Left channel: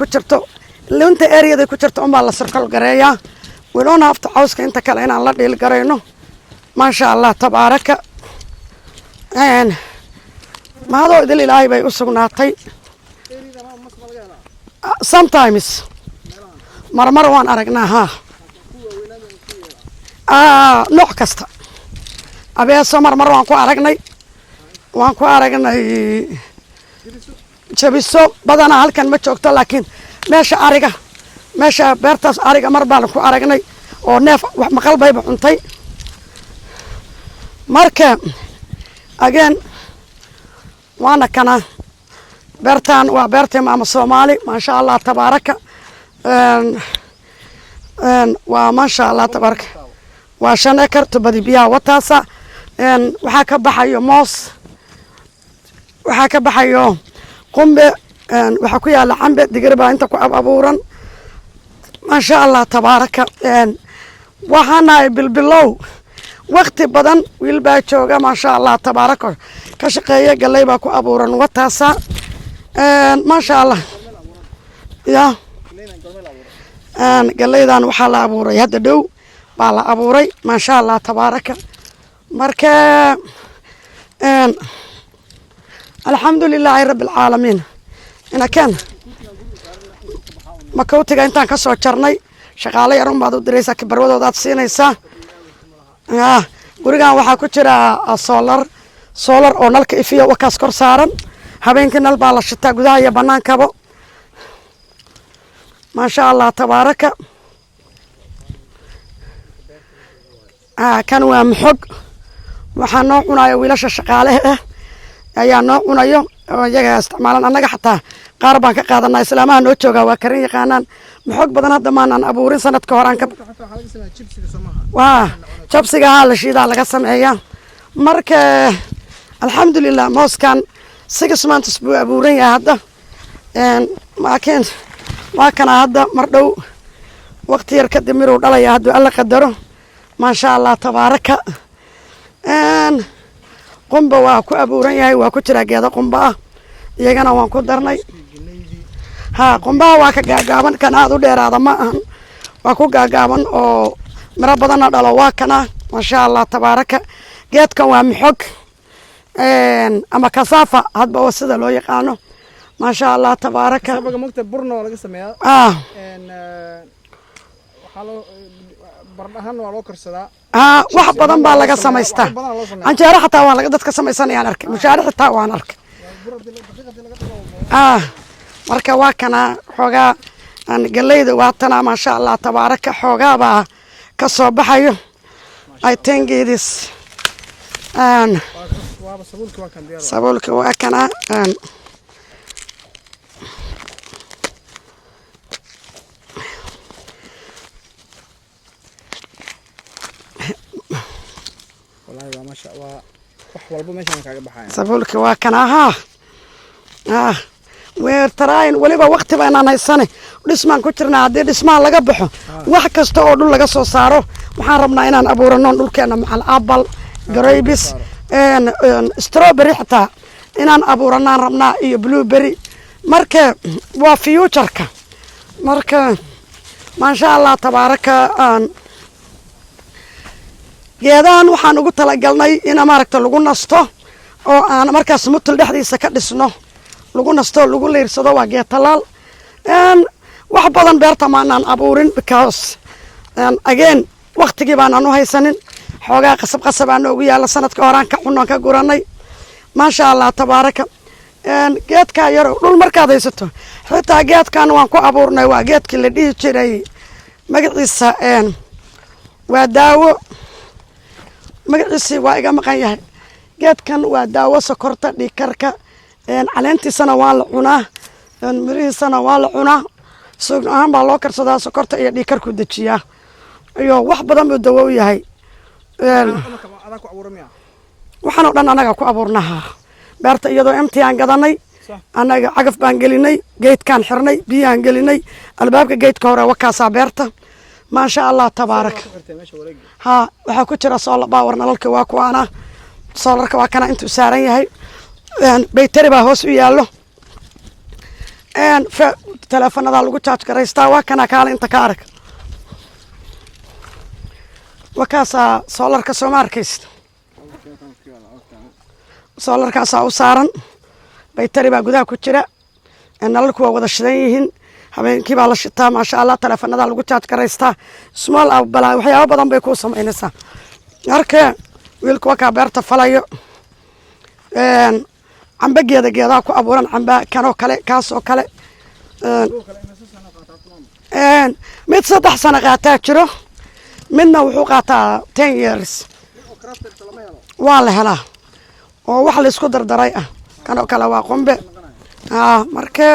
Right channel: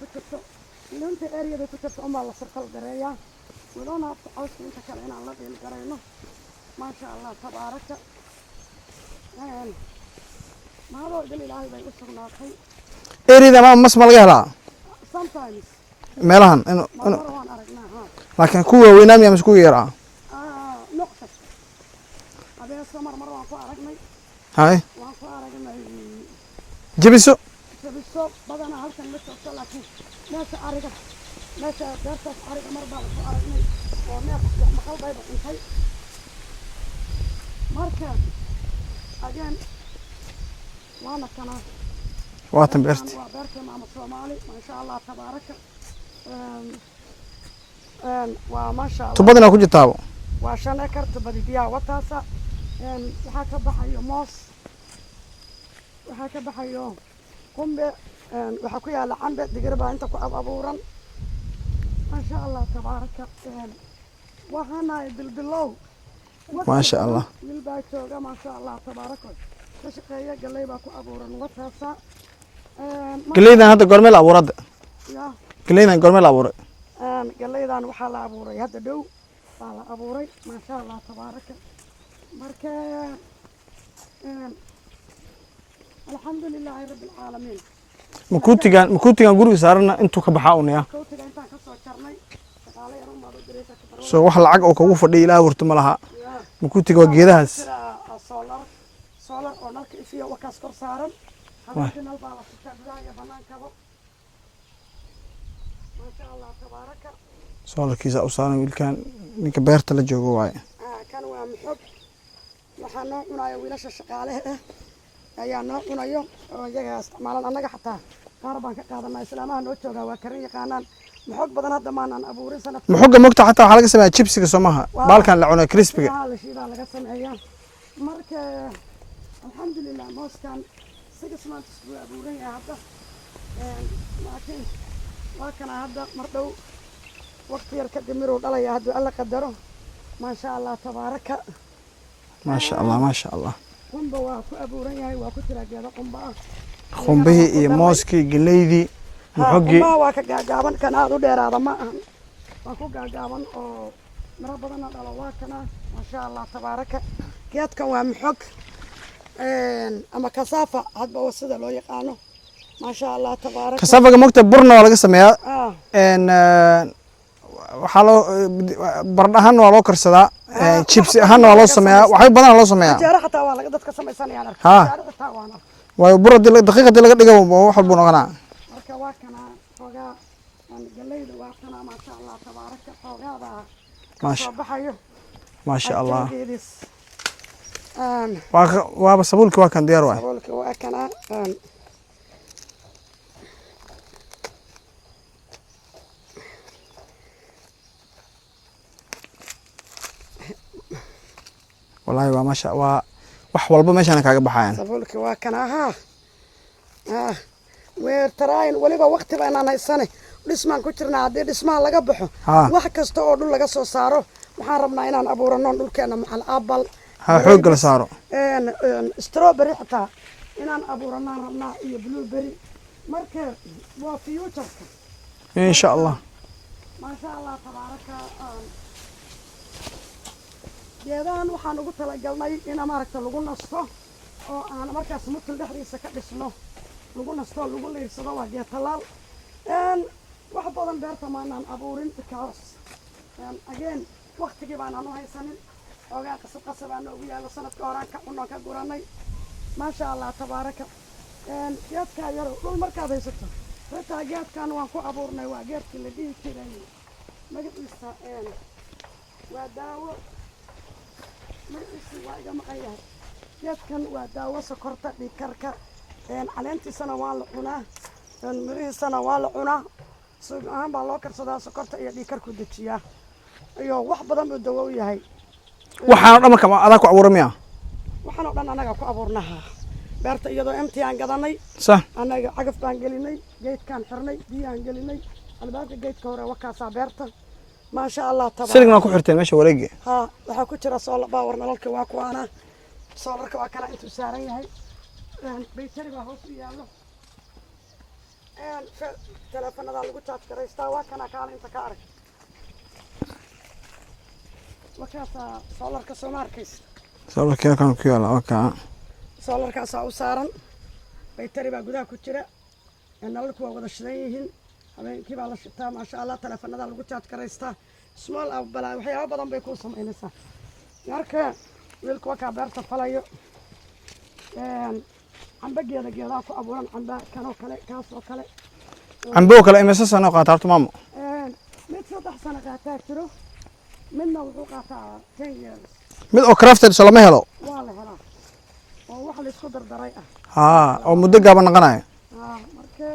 ku jirto lunta areada ku jirto unbaa la circle gareeyaa we don't have to cawska inta kale inaan la dhiil garayno maasha allah tabaaraka mahadoo idil ilaahay bay u sugnaatay areada mas ma laga helaa sometimes meelahan marmar waan aragnaa haa laakiin kuwa weynaam yaa masku yaraa nooc kasta abeeso marmar waan ku aragnay waan ku aragnay jabiso badanaa halkan ma joogto laakiin meesha beertaas ariga mar baan ku aragnay oo neef wax maqal bayba cuntay marka again waana kana beertan waa beertii maama Soomaali maasha Allah tabaaraka waa maasha Allah tubadana ku jirtaabo waa 5 ekar tubadi biyaha wataasa waxaa ka baxayo moos waxaa ka baxayo qumbe waxaa ku yaala cambe digir baa inta ku abuuran maasha Allah tabaaraka waxaana bilbilow waqti badan wiil baa jooga maasha Allah tabaaraka ka shaqeeya galay baa ku abuuran wataasa maasha Allah hada gormeel abuurad ya galeydan gormeel abuuray galeydan waxaa la abuuray hadda dhow baa la abuuray maasha Allah tabaaraka marka alxamdulilaahi rabbil caalamiin makuutigan guriga saarana intuu ka baxaa unaya makuutiga intaan ka soo jarnay shaqaale yar baad u diraysaa kibarwadooda aad siinaysaa wax fadhiyo ilaa wurto ma laha gurigan waxaa ku jira solar oo nalka ifiya wakaas kor saaran habeenkii nal baa la shitaa gudaha iyo bannaankaba maasha Allah tabaaraka solarkiisa u saaran wiilkan ninka beerta la joogo waaye kan waa maxog waxaa noo cunayo wiilasha shaqaaleha ah ayaa noo cunayo oo iyaga isticmaalan annaga xataa qaar baan ka qaadanaa islaamaha noo jooga waa karin yaqaanaan maxog badan hadda maanaan abuurin sanadka hore mogta xataa waxaa laga sameeyaa jibsiga soomaha baalkan la cunay jibsiga haa la shiidaa laga sameeyaa marka alxamdulilah mooskan 6 months buu abuuran yahay hadda laakiin waa kana hadda mar dhow waqti yar kadib miruu dhalaya hadduu alla qadaro maasha Allah tabaaraka maasha Allah qumba waa ku abuuran yahay waa ku jira geeda qumba ah iyagana waan ku darnay mooskii galeydii qumba waa ka gaagaaban kan aad u dheeraada ma ahan waa ku gaagaaban oo miro badanna dhalo waa kana maasha Allah tabaaraka geedkan waa maxog ama kasaafa hadba waa sida loo yaqaano maasha Allah tabaaraka kasaafaga mogta burna waa laga sameeyaa waxaa loo bardhahan waa loo karsadaa chips ahaan waa loo sameeyaa waxay badan loo sameeyaa anjeero xataa waan laga dadka samaysanayaan arkay anjeero xataa waan arkay waayo bur daqiiqadii laga dhigo waxa noqonaa marka waa kana xoogaa galeyda waa tana maasha Allah tabaaraka xoogaa baa ka soo baxayo I think it is waa sabuulka waa kan diyaar waa sabuulka waa kana والله ما شاء الله wax walba meeshan kaaga baxayaan sabuulka waa kana weer tarayn waliba waqti baan haysanay dhismaan ku jirnaa hadii dhismaan laga baxo wax kasta oo dhul laga soo saaro waxaan rabnaa inaan abuurano dhulkeena macal apple grapes strawberry xataa inaan abuuranaan rabnaa iyo blueberry marka waa future-ka marka maasha Allah tabaaraka geedahan waxaan ugu talagalnay in maaragta lagu nasto oo aan markaas mutul dhexdiisa ka dhisno lagu nasto lagu leersado waa geed talaal wax badan beerta maanaan abuurin because again waqtigii baan u haysanin xoogaa qasab aan ugu yaala sanadka horaan ka cunno ka guranay maasha Allah tabaaraka geedka yar dhul markaad haysato xitaa geedkan waan ku abuurnay waa geedkii la dhihi jiray magaciisa waa daawo magaciisi waa iga maqan yahay geedkan waa daawo sokorta dhiigkarka caleentiisana waa la cunaa mirihiisana waa la cunaa suug ahaan baa loo karsadaa sokorta iyo dhiigkarku dejiyaa iyo wax badan buu dawo u yahay waxaan dhamaka adaa ku abuuramaya waxaan oo dhan anaga ku abuurnaha beerta iyadoo imtiyaan gadanay anaga cagaf baan gelinay geedkaan xirnay biyaan gelinay albaabka geedka hore wakaasaa beerta ما شاء الله تبارك سرنا كحرتين ماشي ورقة ها waxaa ku jira solar power nalalka waa kuwaana solarka waa kana intuu saaran yahay baytari baa hoos u yaalo teleefanada lagu charge garaystaa waa kana kaale inta ka arag wakaasaa soolarka soo ma arkaysid solarka kan ku yaala wakaa soolarkaasaa u saaran baytari baa gudaha ku jira nalalku waa wada shidan yihiin habeenkii baa la shitaa maasha allah teleefanada lagu charge garaystaa small balaa waxyaabo badan bay kuu samaynaysaa marka wiilku wakaa beerta falayo camba geedaha ku abuuran camba kanoo kale kaasoo kale cambo kale imisa sano qaataa horta maamo mid 3 sano qaataa jiro midna wuxuu qaataa 10 years mid oo crafted soo lama helo waa la helaa oo wax la isku dardaray ah kanoo kale waa muddo gaaban noqonayo marka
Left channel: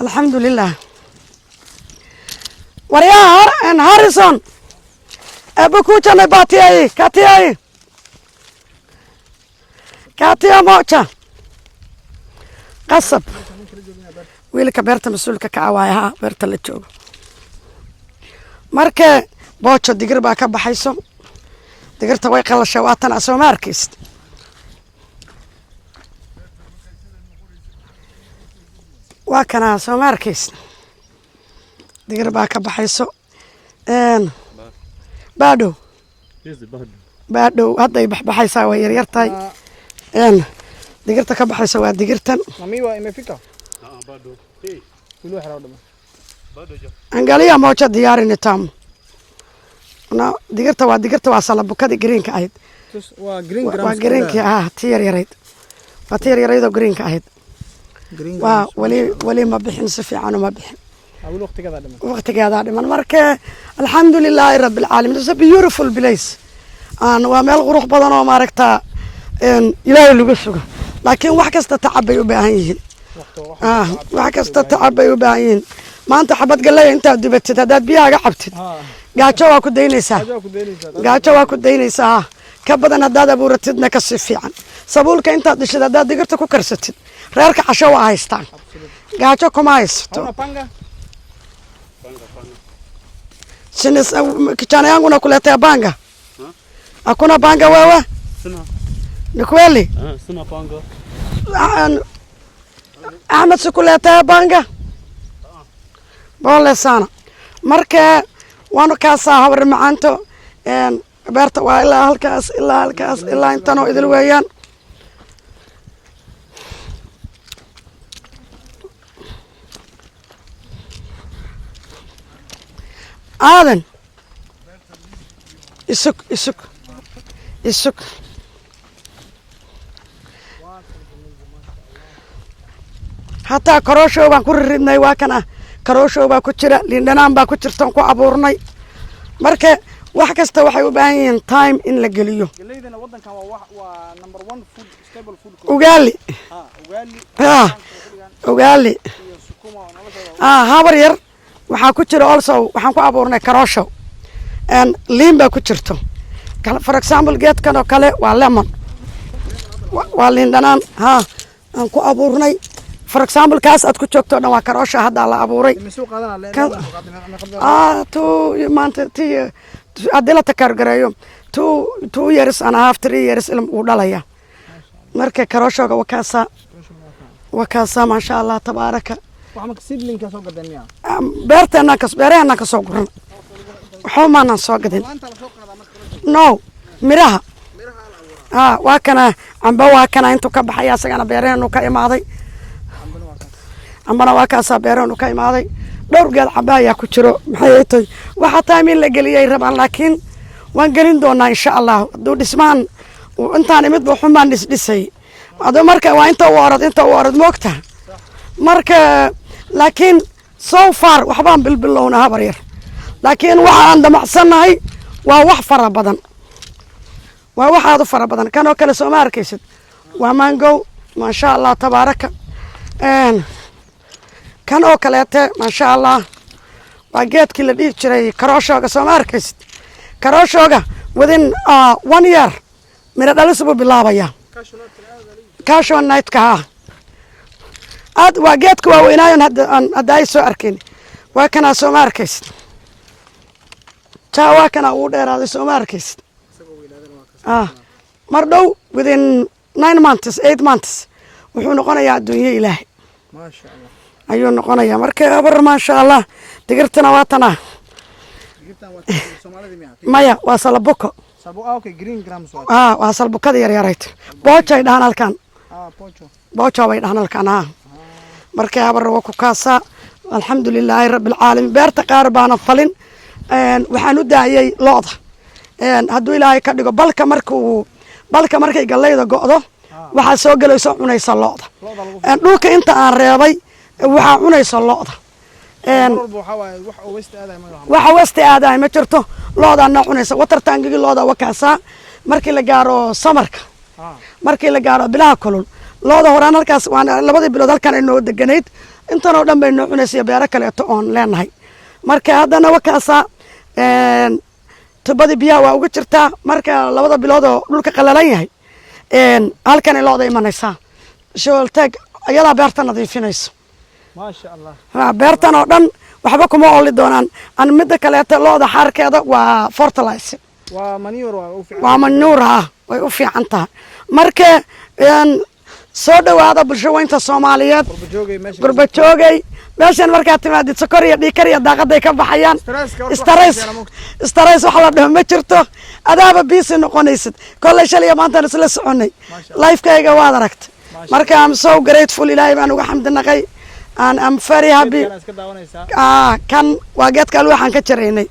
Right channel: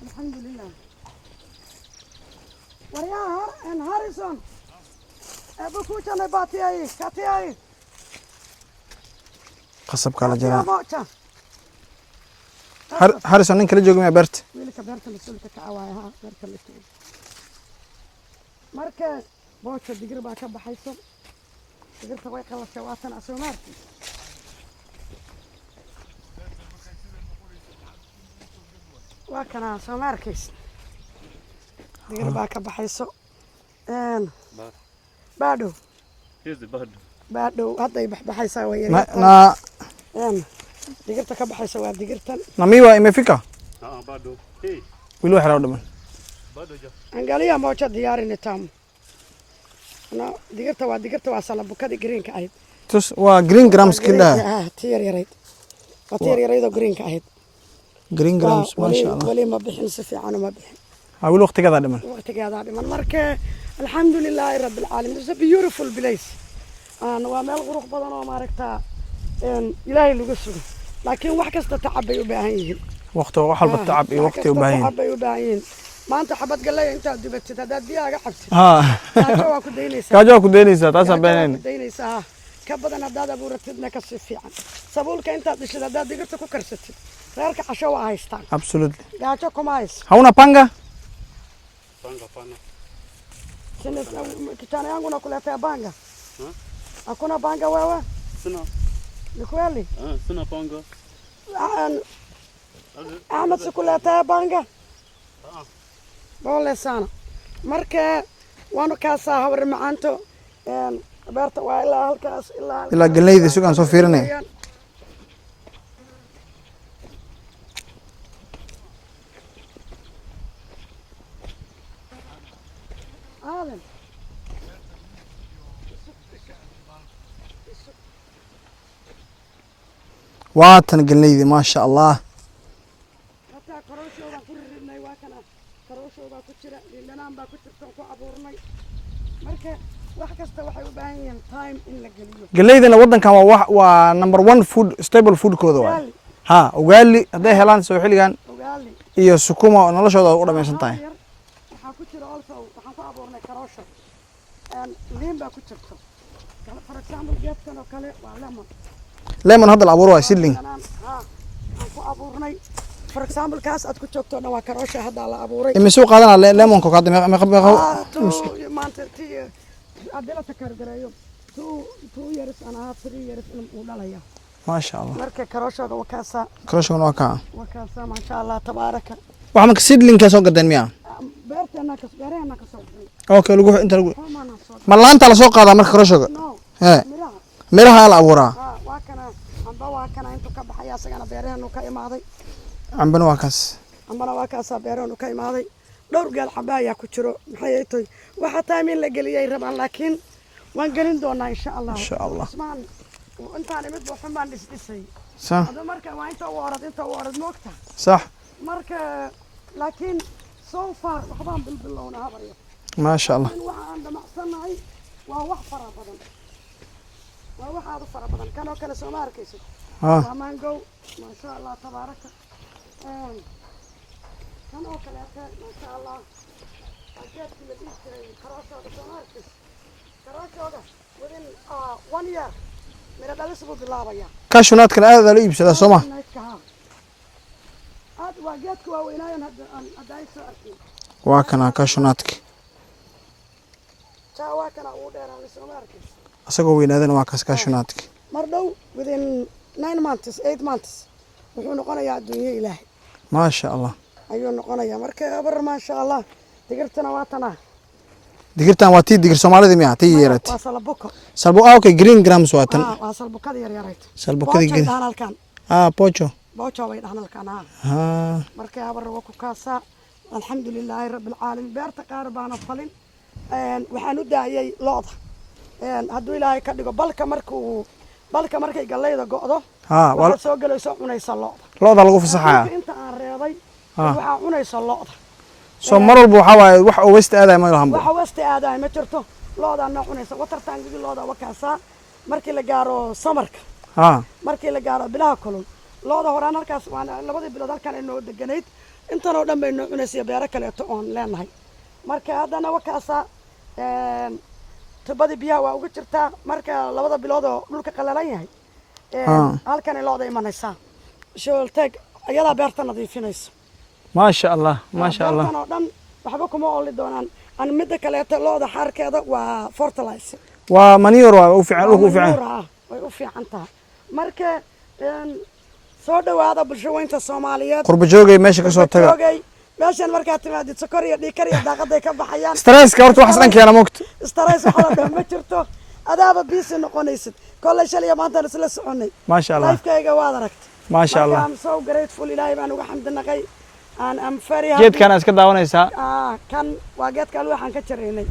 alxamdulilah waryaa Harrison abukuchana batiyay katiyay katiya mocha qasab Harrison nin kala joogo ma beerta wiilka beerta mas'uulka ka cawaaya beerta la joogo marka boocho digir baa ka baxayso digirta way qalashay waatan asoo markiis waa kana asoo markiis digir baa ka baxayso baadho hadday baxaysaa way yaryartahay digirta ka baxaysa waa digirtan mamiwa imefika bado wili waxaa dhaman angalia moja diyaarini tam digirta waa salabukadi greenka ahayd tus waa green grams kida tiyar yarayd waa tiyar yarayd oo greenka ahayd green grams wali ma bixin si fiican ma bixin wili waqtigeeda dhiman marka alxamdulilaahi rabbil caalamiin it's a beautiful place waa meel qurux badan oo maaragtaa ilaahay lagu sugo laakiin wax kasta tacab bay u baahan yihiin wax kasta tacab bay u baahan yihiin maanta xabad galley intaad dubatid haddaad biyahaaga cabtid gaajo waa ku daynaysaa ka badan haddaad abuuratidna ka si fiican sabuulka intaad dhishid haddaad digirta ku karsatid reerka casho waa haystaan gaajo kuma hayso hauna panga kijana yangu nakuletea panga hakuna panga wewe ni kweli sina panga Ahmed sikuletea panga bole sana marka waanu kaasaa habar macaanto beerta waa ilaa halkaas ilaa intan oo idin weeyaan aadan isuk waatan galeydi maasha allah hataa karoosho baan ku ridnay waa kana karoosho baa ku jira liindhanaan baa ku jirtan ku abuurnay marka wax kasta waxay u baahan yihiin time in la geliyo galeydana wadankan waa number 1 food stable food ko ugali reelan soo xiligan ugali iyo sukuma noloshooda habar yar waxa ku jira also waxaan ku abuurnay karoosho liin baa ku jirto for example geedkan oo kale waa lemon hadda la abuuro waa liindhanaan aan ku abuurnay for example kaas aad ku joogto dhan waa karoosha hadda la abuuray imisuu qaadana lemonka ka to maanta adila takargareeyo 2 years and a half 3 years ilm uu dhalaya maasha allah marka karooshoga waa kaasa maasha allah tabaaraka waxa ma seedlingka soo gadeen miya beerteena ka soo guran okay lagu inta lagu xoomaana soo gadan malaanta la soo qaadaa marka karooshoga no miraha la abuuraa waa kana amba waa kana intuu ka baxay asagana beeraheenu ka imaaday ambana waa kaas beeraheenu ka imaaday dhowr geed camba ayaa ku jiro maxay tahay waxa taamin la geliyay rabaan laakiin waan gelin doonaa insha allah duu dhismaan intaan imid buu xumaan dhisay ado marka waa inta u orad moogta sax marka laakiin so far waxbaan bilbilowna habar yar laakiin waxa aan damacsanahay waa wax fara badan kanoo kale soo ma arkaysid waa mango maasha allah tabaaraka kan oo kaleete maasha allah waa geedkii la dhihi jiray karooshoga soo ma arkaysid karooshoga within 1 year mira dhalis buu bilaabaya cashewnut-kana aad la iibsadaa cashewnut-ka aad waa geedka waa weynaayon hadda ay soo arkeen waa kana soo ma arkaysid waa kana uu dheeraaday soo ma arkaysid asagoo weynaadana waa kaas cashewnut-ka mar dhow within 9 months 8 months wuxuu noqonayaa adduunyo ilaahay maasha allah ayuu noqonayaa marka abar maasha allah digirtana waa tana digirtan waa tii digir Soomaalida miyaa tii maya waa salabuko okay green grams waa tii waa salbukada yar yarayd bojo dhahan halkan pocho bay dhahan halkan marka abar waa ku kaasa alxamdulilaahi rabbil caalamiin beerta qaar baana falin waxaan u daayay looda hadduu ilaahay ka dhigo balka markay gallayda go'do waxaa soo gelayso cunaysa looda lagu fasaxaa dhulka inta aan reebay waxaa cunaysa looda soo mar walba waxaa waaye wax oo west aaday ma lahan waxa west aaday ma jirto loodaana cunaysa water tankigi looda wakaasaa markii la gaaro samarka markii la gaaro bilaha kulul looda horaan halkaas waan labadii bilood halkan ay noo deganayd intan oo dhan bay noo cunaysa beero kaleeto oon leenahay marka haddana wakaasaa tubadii biyaha waa uga jirtaa marka labada bilood oo dhulka qalalan yahay halkan ay looda imanaysaa shoolteeg ayadaa beerta nadiifinayso maasha allah beertan oo dhan waxba kuma ooli doonaan an midda kaleeto looda xaarkeeda waa fertilizer waa manure waa u fiican waa manure way u fiican tahay marka soo dhawaada bulshooyinta Soomaaliyeed qurba joogay meesha ka soo joogay meeshan markaa timaadid sokor iyo dhiikar iyo daaqaday ka baxayaan stresska horta waxaan keena moogta stress waxa la dhaho ma jirto adaaba busy noqonaysid kolley shalay maanta isla soconay life-kayga waad aragtay marka I'm so grateful ilaahay baan uga xamdinaqay I'm very happy geedkan iska daawanaysaa kan waa geedka waxaan ka jaraynay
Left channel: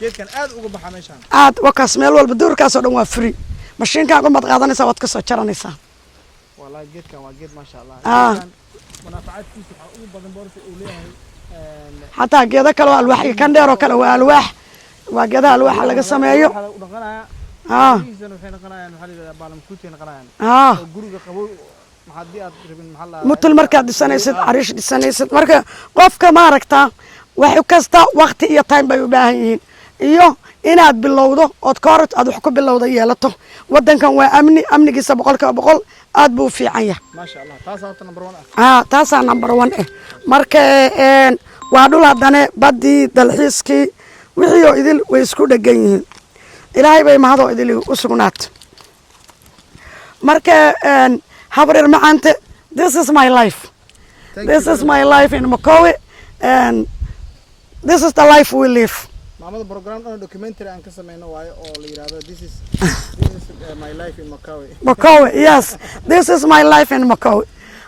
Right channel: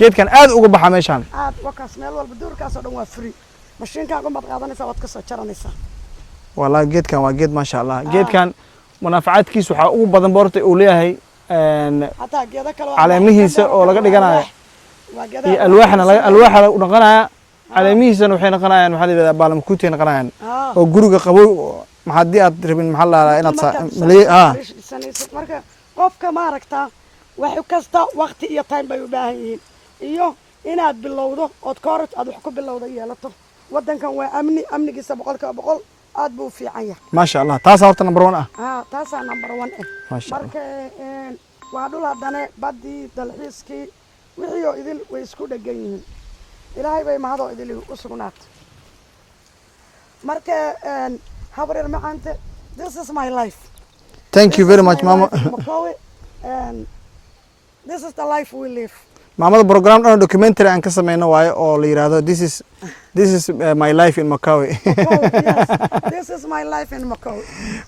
geedkan aad uga baxa meeshan aad wakaas meel walba duurkaas oo dhan waa free mashiinka qumad qaadanaysa waad ka soo jaranaysaa والله جيت كان واجد ما شاء الله جيت كان منافعات كيس وحا ugu badan boorta uu leeyahay حتى geeda kale waa kan dheer oo kale waa geeda alwaax u dhaqanaya caleemihiisana waxay noqonayaan waxa la yiraahdaa baalamkuutay noqonayaan oo guriga qabow maxadii aad rabin maxaa la yiraahdaa inta marka dhisanaysid marka qofka ma aragtaa wax kasta waqti iyo time bay u baahan yihiin iyo inaad bilowdo ood koorad aad wax ku bilowdo yeelato wadankan waa amnigiisa 100% aad buu fiican yahay ma sha Allah taas horta number 1 taas number 1 marka waa dhul hadane badii dalxiiskii wixii oo idil way isku dhagan yihiin ilaahay bay mahado idil u sugnaat marka habreer maanta this is my life thank you very much my life in Mokowe and this is the life we live maamada program dhan documentary aan ka sameeyno waayo oo la yiraahdo this is my life in Mokowe yes this is my life in Mokowe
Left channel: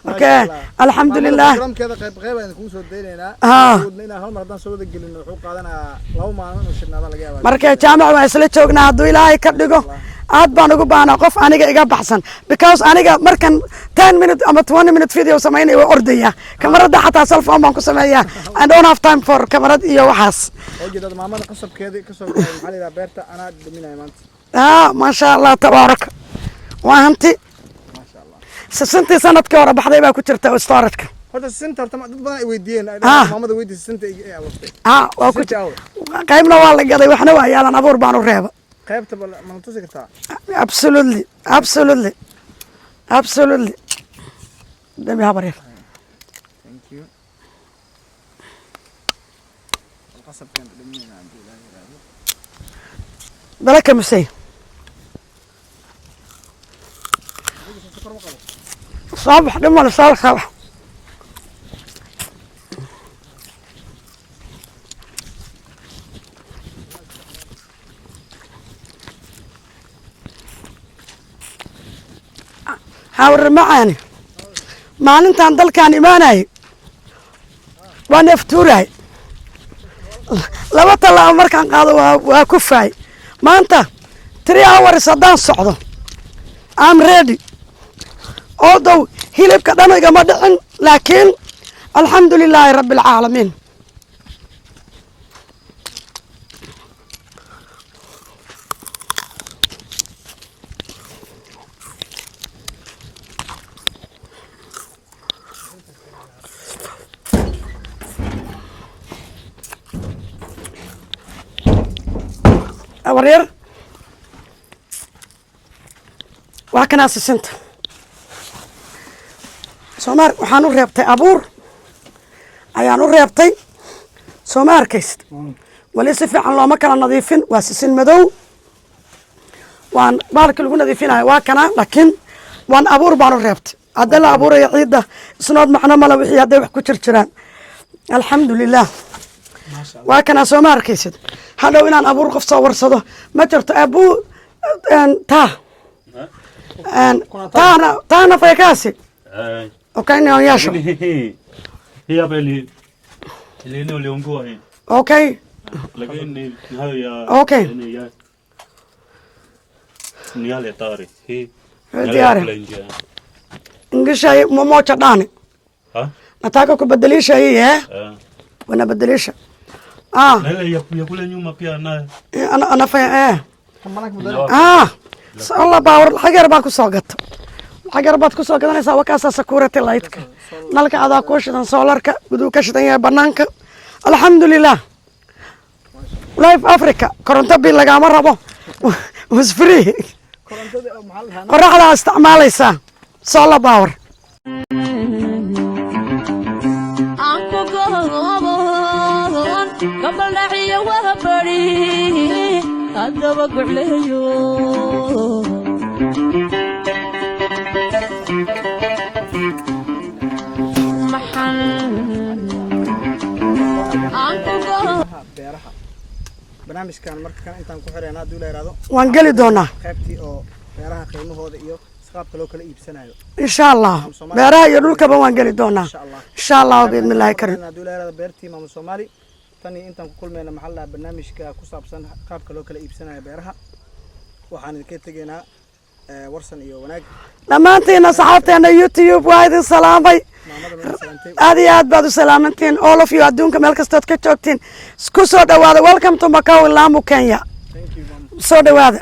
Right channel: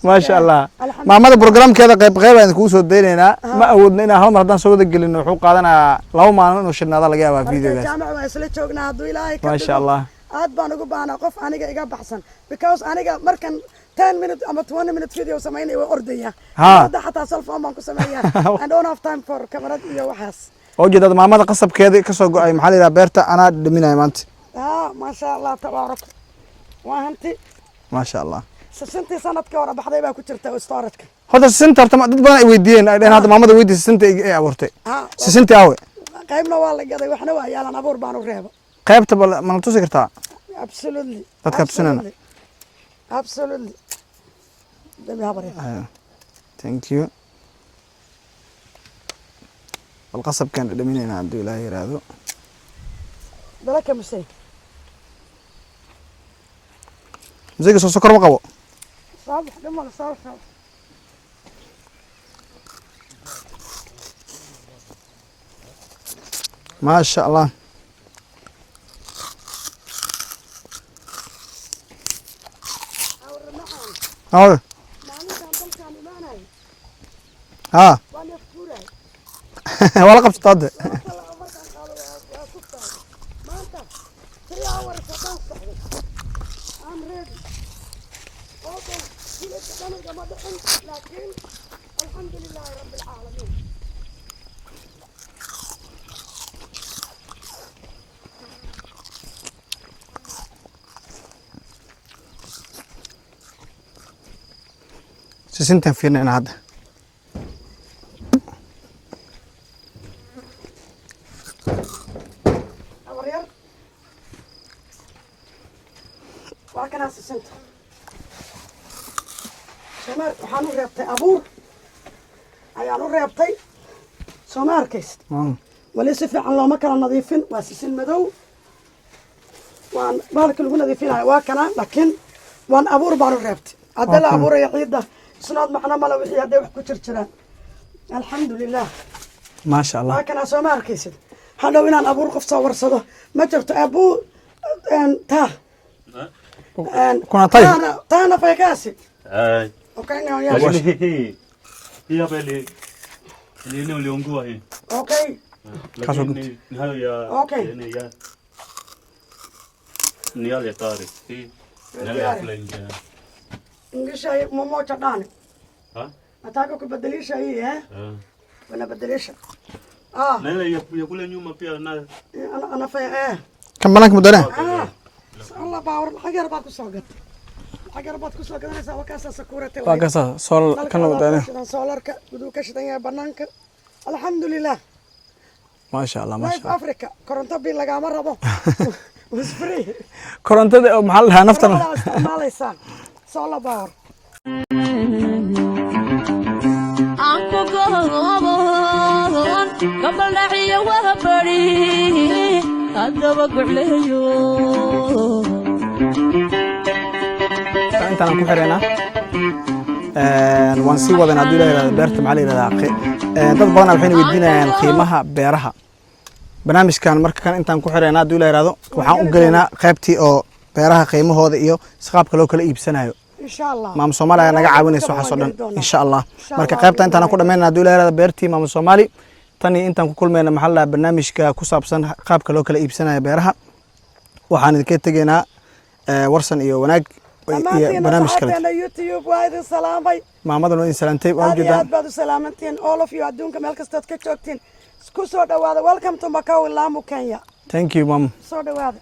ma sha Allah maamada programkeeda qayb aan ku soo deynayna ma awoodna inaan hal mar haddaan soo wada gelino wuxuu qaadanayaa 2 maalin inuu shirnaada laga yaabaa marka jaamac waa isla joognaa hadduu ilaahay ka dhigo aad baan ugu baahnaa qof aniga iga baxsan because aniga markan 10 minutes ama 20 minutes video sameynay way ordaya kamarada xataa selfon baan ku sameeyaa I don't have time for kamarad iyo waxaas oo jeedada maamada qasabkeeda ka soo go'ay maxaa la yiraahdaa beerta ana dhiminay maanta ma sha Allah tabaarak waa hanti ma sha Allah santii sanadkii hore baxday baa ku jirta storage-ka hada sinta dad badan ay weydiiyeen ay maamada weydiisay sinta ay abuurtay sinta awe qaybna waa la gaday waxna waa yaalan abuur baan u reeba qaybta ma la tusi kartaa absolutely dabi habar thank you القصب كان دمينا عبد الله يرادو بلاك مسي زي سكر ما قبو صبح دم ولا صالح ما شاء الله حاور معاني حاور maalintan dalkan imaanay waan aftuuray wala qabsatay laba talaabo markaan qaado waa ku faay maanta 3 hours haddaan socdo I'm ready although hilibka dhan igama dhicin laakiin alxamdulilaahi rabbil caalamiin سنتين فينا هذا أورير وهكذا سنت سومار وحانو ريبتي أبور أيانو ريبتي سومار كيست وليس في الله ما كان نظيفين واسسين مدو وان بارك لكم نظيفين هاي واكنا لكن وان أبور بانو ريبتي هذا لا أبو ريا عيدة سنود معنا ملا وحي هذا وحكو ترتران الحمد لله ما شاء الله وكان أسومار كيسد هذا وين أنا أبو رقف صور صده ما ترت أبو تا كنا طيب تانا فيكاسي وكان ياش هي بلي لينو ليونغو هي أوكي أوكي نيالي طاري هي دياري إنجلش هي مو تداني ها نتاكو كبدليش هي وانا بدليش لا يقول نيوما بيا انا في كم بناك مدرع الله باور الحجر باكو سوقت الحجر باكو سوقت انا سوا كاسا سكورتي لايت نالك هذا كوشدان سولارك بدو كشدان يا بنانك الحمد لله ما شاء الله لايف افريكا كورنتا بي لغا ما ربو was free كورنتا محلها نفط فرحة استعماليسا سولا باور قبل نحيا وهبري أدبك عليو أنت عم تفرنا وانسي وضعنا عبدالله بيرت معلي للاقي dad badan waxay weydiinayaan qiimaha beeraha barnaamijkan marka kan intaan ku xireenaa Abdullah Iraado waan gali doonaa qaybtii oo beeraha qiimahooda iyo qaabka loo kala iibsanayo insha Allah maam Soomaali beeraha dhulka waan gali doonaa insha Allah qaybta intaan ku dhameynaa Abdullah Iraado beertii maam Soomaali tani intaan ku kulmayna maxalla barnaamijka ku saabsan qaabka loo kala iibsanayo beeraha waxaan idinka tageynaa warsan iyo wanaag dhammaantiin asxaabteena YouTube waa idin salaamay maamada noo salaantay aad iyo aad baad u salaamantiin all of you adduunka meel kastood ka joogtiin isku soo dhawaada welcome to Macau Lamu Kenya thank you mom soo dhawaada